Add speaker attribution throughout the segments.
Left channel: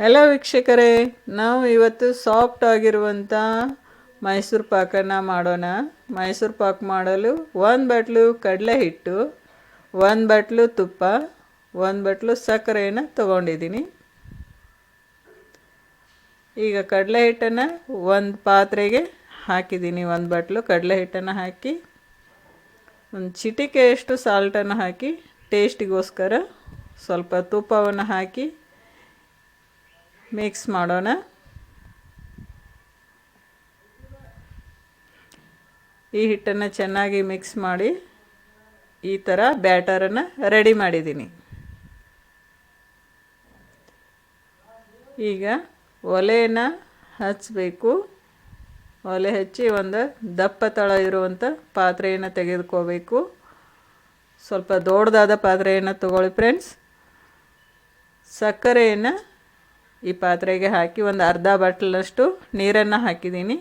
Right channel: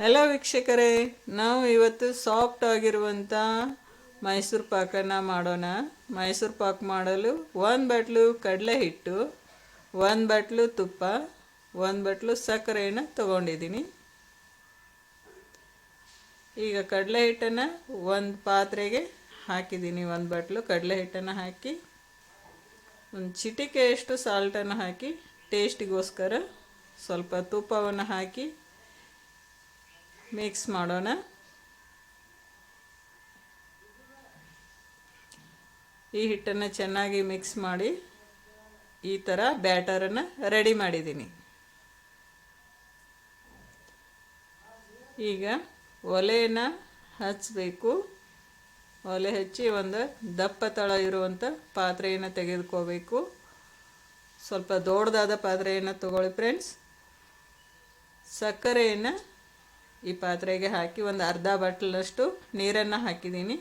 Speaker 1: Hello ವೀಕ್ಷಕರೇ. ನಾವು ಇವತ್ತು ಸಾಫ್ಟ್ ಆಗಿರುವಂಥ ಮೈಸೂರು ಪಾಕನ್ನು ಮಾಡೋಣ. ಮೈಸೂರು ಪಾಕ್ ಮಾಡಲು ಒಂದು ಬಟ್ಲು ಕಡಲೆ ಹಿಟ್ಟು, ಒಂದು ಬಟ್ಲು ತುಪ್ಪ, ಒಂದು ಬಟ್ಲು ಸಕ್ಕರೆಯನ್ನು ತಗೊಂಡಿದ್ದೀನಿ. ಈಗ ಕಡಲೆ ಹಿಟ್ಟನ್ನು ಒಂದು ಪಾತ್ರೆಗೆ ಹಾಕಿದ್ದೀನಿ. ಒಂದು ಬಟ್ಲು ಕಡಲೆ ಹಿಟ್ಟನ್ನು ಹಾಕಿ, ಒಂದು ಚಿಟಿಕೆಯಷ್ಟು ಸಾಲ್ಟನ್ನು ಹಾಕಿ ಟೇಸ್ಟಿಗೋಸ್ಕರ ಸ್ವಲ್ಪ ತುಪ್ಪವನ್ನು ಹಾಕಿ ಮಿಕ್ಸ್ ಮಾಡೋಣ. ಈ ಹಿಟ್ಟನ್ನು ಚೆನ್ನಾಗಿ ಮಿಕ್ಸ್ ಮಾಡಿ ಈ ಥರ ಬ್ಯಾಟರನ್ನು ರೆಡಿ ಮಾಡಿದ್ದೀನಿ. ಈಗ ಒಲೆಯನ್ನು ಹಚ್ಚಬೇಕು ಒಲೆ ಹಚ್ಚಿ ಒಂದು ದಪ್ಪ ತಳ ಇರುವಂಥ ಪಾತ್ರೆಯನ್ನು ತೆಗೆದುಕೋಬೇಕು. ಸ್ವಲ್ಪ ದೊಡ್ಡದಾದ ಪಾತ್ರೆಯನ್ನು ತಗೊಳ್ಳಿ ಫ್ರೆಂಡ್ಸ್ ಸಕ್ಕರೆಯನ್ನು ಈ ಪಾತ್ರೆಗೆ ಹಾಕಿ ಒಂದು ಅರ್ಧ ಬಾಟ್ಲಷ್ಟು ನೀರನ್ನು ಹಾಕಿದ್ದೀನಿ.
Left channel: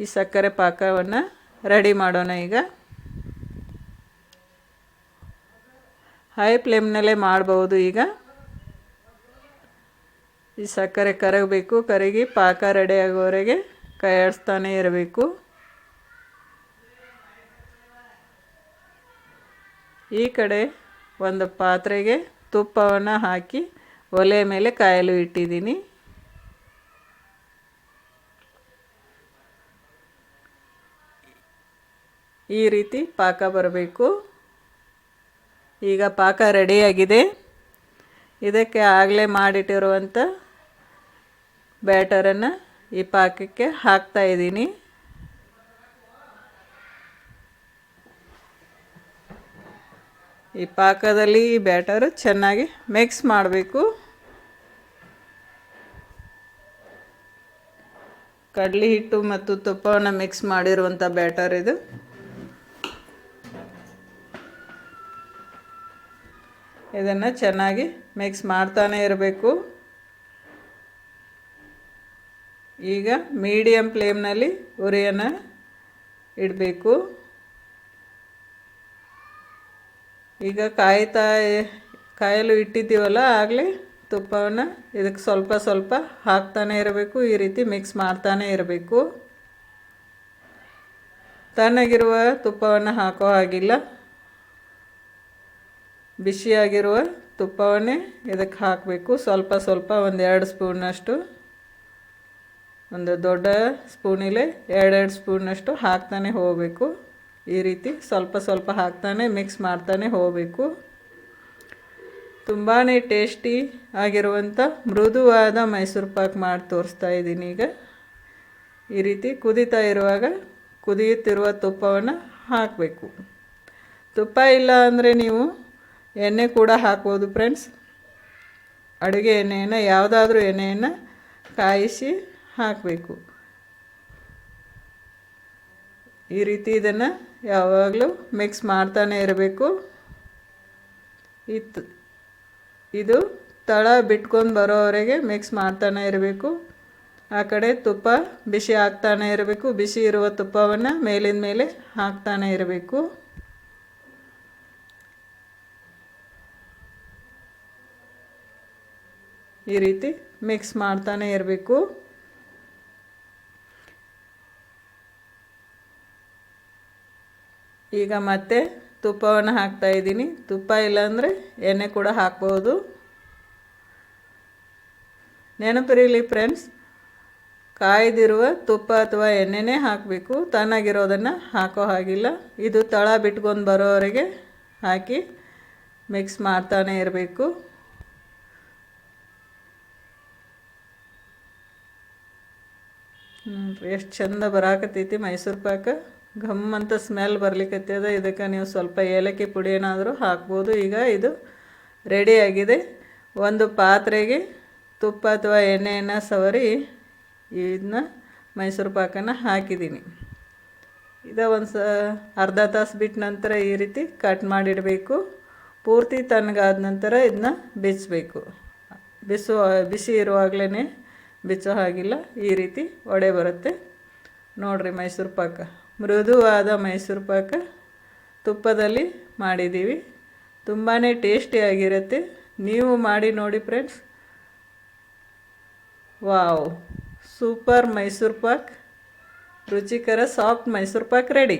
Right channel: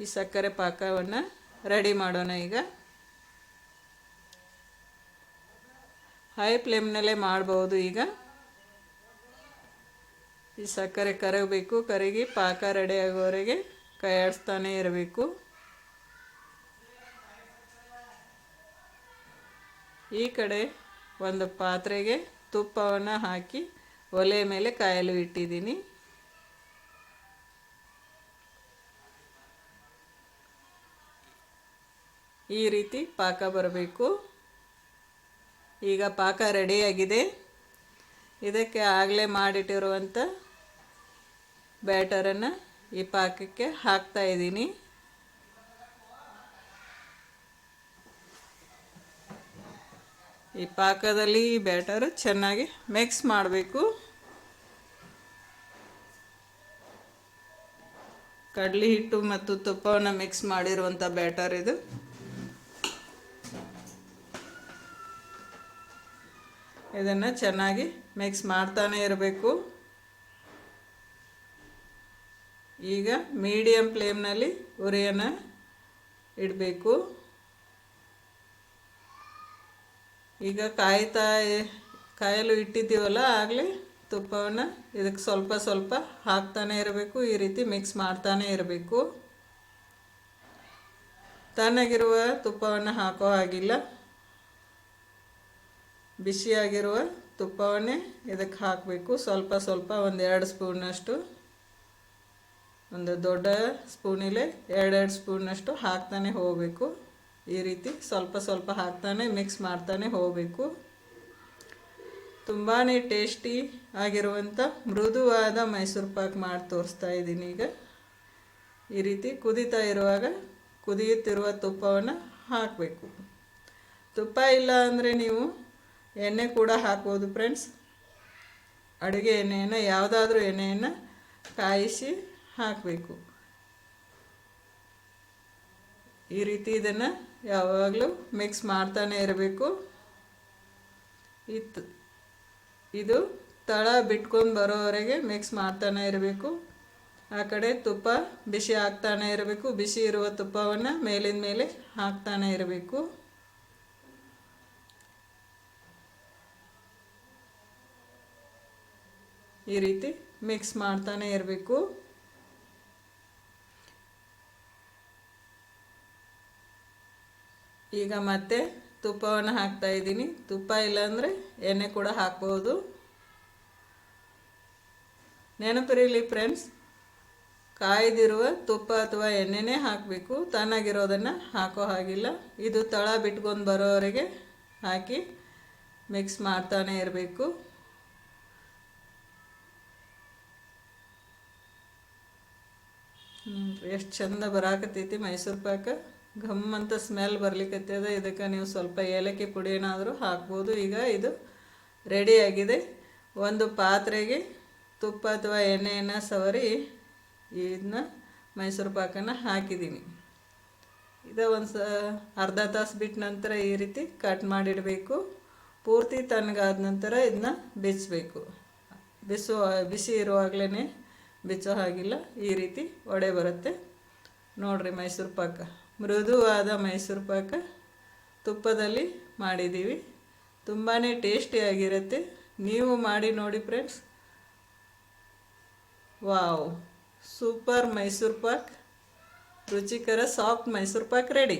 Speaker 1: ಈ ಸಕ್ಕರೆ ಪಾಕವನ್ನು ರೆಡಿ ಮಾಡೋಣ ಈಗ. ಹೈ ಫ್ಲೇಮ್ನಲ್ಲೇ ಮಾಡ್ಬೋದು ಈಗ. ಈ ಸಕ್ಕರೆ ಕರಗಬೇಕು, ಕರಗಿ ಪಾಕ ರೆಡಿ ಆಗೋವರೆಗೆ ಕೈ ಆಡಿಸ್ತಾನೆ ಇರಬೇಕು. ಈ ಕಡೆ ಒಂದು ಪಾತ್ರೆಗೆ ತುಪ್ಪವನ್ನು ಹಾಕಿ ಒಲೆ ಮೇಲೆ ಕಾಯಲು ಇಟ್ಟಿದ್ದೀನಿ. ಈ ರೀತಿ ಪಾಕ ಬರಬೇಕು. ಈಗ ಪಾಕ ರೆಡಿಯಾಗಿದೆ. ಇದಕ್ಕೆ ಆಗಲೇ ಮಾಡಿಟ್ಟಿರುವಂಥ ಬ್ಯಾಟರನ್ನು ಈ ಪಾಕಕ್ಕೆ ಹಾಕ್ತಾ ಇದ್ದೀನಿ. ಈ ಪಾಕದಲ್ಲಿ ಈ ಬ್ಯಾಟರ್ ಚೆನ್ನಾಗಿ ಮಿಕ್ಸ್ ಮಾಡಬೇಕು. ಕಡಲೆ ಹಿಟ್ಟು ಮತ್ತು ತುಪ್ಪವನ್ನು ಮಿಕ್ಸ್ ಮಾಡಿರುವಂಥ ಬ್ಯಾಟರ್ ಇದು. ಇದನ್ನು ಚೆನ್ನಾಗಿ ಮಿಕ್ಸ್ ಮಾಡ್ತಾನೆ ಇರಬೇಕು. ಈಗ ಮೀಡಿಯಮ್ ಫ್ಲೇಮ್ನಲ್ಲಿ ಉರಿಯನ್ನು ಇಡಬೇಕು. ಈಗ ಕಾಯ್ತಾ, ಕಾಯಲು ಇಟ್ಟಿದ್ದೀವಲ್ಲ ಆಗಲೇ? ತುಪ್ಪವನ್ನು ಇದಕ್ಕೆ ಸ್ವಲ್ಪ ಸ್ವಲ್ಪ ಹಾಕ್ತಾನೆ ಇರಬೇಕು. ಈ ರೀತಿ ಮಿಕ್ಸ್ ಮಾಡ್ತಾನೆ ಇರಬೇಕು. ತಣ್ಣಗಿರುವ ತುಪ್ಪವನ್ನು ಹಾಕೋ ಹಾಗಿಲ್ಲ. ಬಿಸಿಯಾಗಿರುವ ತುಪ್ಪವನ್ನೇ ಇದಕ್ಕೆ ಹಾಕಬೇಕು. ಸ್ವಲ್ಪ ಸ್ವಲ್ಪ ಒಂದು ಎರಡು ಸ್ಪೂನಷ್ಟು. ಒಂದು ದೊಡ್ಡ ಸ್ಪೂನಿಲೆ ಎರಡೆರಡು ಸ್ಪೂನಷ್ಟು ಹಾಕ್ತಾನೆ ಹೋಗಬೇಕು. ಈ ರೀತಿ ಸ್ವಲ್ಪ ಸ್ವಲ್ಪ ಹಾಕ್ತಾನೆ ಮಿಕ್ಸ್ ಮಾಡ್ತಾನೆ ಹೋಗಬೇಕು. ತುಂಬಾ ಟೇಸ್ಟಿ ಆಗಿರುವಂಥ ಮೃದುವಾದ ಮೈಸೂರು ಪಾಕ್ ಮಾಡಿ ತೋರಿಸ್ತಾ ಇದ್ದೀನಿ ಈಗ. ಈ ರೀತಿ ಕುದೀತಾ ಇರುವಾಗ ಕುದಿಯುತ್ತಿರುವ ತುಪ್ಪವನ್ನು ಹಾಕಬೇಕು. ತುಪ್ಪ ಇಲ್ಲ ಅಂದರೆ ನೀವು ಎಣ್ಣೆ ಕೂಡ ಹಾಕ್ಬೋದು ಫ್ರೆಂಡ್ಸ್. ಅಡುಗೆ ಎಣ್ಣೆಯನ್ನು ಯಾವುದಾದ್ರೂ ಎಣ್ಣೆಯನ್ನು ಕಾಯಿಸಿ ಹಾಕಬೇಕು. ಈ ರೀತಿ ಇದನ್ನು ಯಾವಾಗಲೂ ಮಿಕ್ಸ್ ಮಾಡ್ತಾನೆ ಇರಬೇಕು. ಇತ್ತು. ಇದು ತಳ ಬಿಟ್ಕೊಂಡು ಬರೋವರೆಗೆ ಮಿಕ್ಸ್ ಮಾಡ್ತಾನೆ ಇರಬೇಕು. ಆ ಕಡೆ ತುಪ್ಪ ಬಿಸಿ ಹಾಕ್ತಾನೆ ಇರಬೇಕು. ಬಿಸಿ ಇರುವ ತುಪ್ಪವನ್ನು ಮೇಲಿನ ಮೇಲೆ ಹಾಕ್ತಾನೆ ಇರಬೇಕು. ಈ ರೀತಿ ಮಿಕ್ಸ್ ಮಾಡ್ತಾನೆ ಇರಬೇಕು. ಈಗ ಮತ್ತೆ ತುಪ್ಪವನ್ನು ಹಾಕ್ತಾ ಇದ್ದೀನಿ. ತುಪ್ಪ ಇಲ್ಲಾಂದರೆ ಎಣ್ಣೆ ಕೂಡ ಹಾಕ್ಬೋದು. ನೆನಪಿರಲಿ ಫ್ರೆಂಡ್ಸ್, ಕಾಯ್ದಿರುವ ತುಪ್ಪ ಅಥವಾ ಎಣ್ಣೆನೇ ಹಾಕಬೇಕು. ತಣ್ಣಗಿರೋದನ್ನು ಹಾಕೋ ಹಾಗಿಲ್ಲ. ಇದು ತಳ ಬಿಟ್ಕೊಂಡು ಬರೋವರೆಗೆ ಹಾಕಿ ಮಿಕ್ಸ್ ಮಾಡ್ತಾನೆ ಇರಬೇಕು. ಎಷ್ಟು ಚಂದ ಬರಾಕತ್ತೈತಿ ಮೈಸೂರು ಪಾಕ. ಘಮ್ ಅಂತ ಸ್ಮೆಲ್ ಬರ್ಲಿಕ್ಕತ್ತದ ಇದಕ್ಕೆ ನೀವು ಸ್ವಲ್ಪ ಏಲಕ್ಕಿ ಪುಡಿ ಏನಾದರೂ ಹಾಕ್ಬೋದು. ಈಗ ಇದು ರೆಡಿಯಾಗಿದೆ ಒಂದು ಪಾತ್ರೆಗೆ ತುಪ್ಪ ಅಥವಾ ಎಣ್ಣೆಯನ್ನು ಸವರಿ ಇದನ್ನ ಮೈಸೂರು ಪಾಕನ ಹಾಕಿದ್ದೀನಿ. ಇದು ಒಂದು ಸ ಅರ್ಧ ತಾಸು ಬಿಟ್ಟ ನಂತರ ಈ ರೀತಿ ಕಟ್ ಮಾಡಿಡಬೇಕು. ಪೂರ್ತಿ ತಣ್ಣಗಾದ ನಂತರ ಇದನ್ನ ಬಿಚ್ಚಬೇಕು ಬಿಸು, ಬಿಸಿ ಇರುವಾಗಲೇ ಬಿಚ್ಚೋ ಹಾಗಿಲ್ಲ. ಈ ರೀತಿ ಒಡೆ ಬರುತ್ತೆ. ನೋಡಿರಿ ಮೈಸೂರು ಪಾಕ. ಮೃದುವಾದ ಮೈಸೂರು ಪಾಕ ತುಪ್ಪದಲ್ಲಿ ಮಾಡಿದ್ದೀವಿ. ತುಂಬಾ ಟೇಸ್ಟಿಯಾಗಿರುತ್ತೆ ನೀವು ಮಾಡಿ ನೋಡಿ friends. Wow, super Mysuru pak. ರುಚಿಕರ, ಸಾಫ್ಟ್ ಮೈಸೂರು ಪಾಕ್ ರೆಡಿ.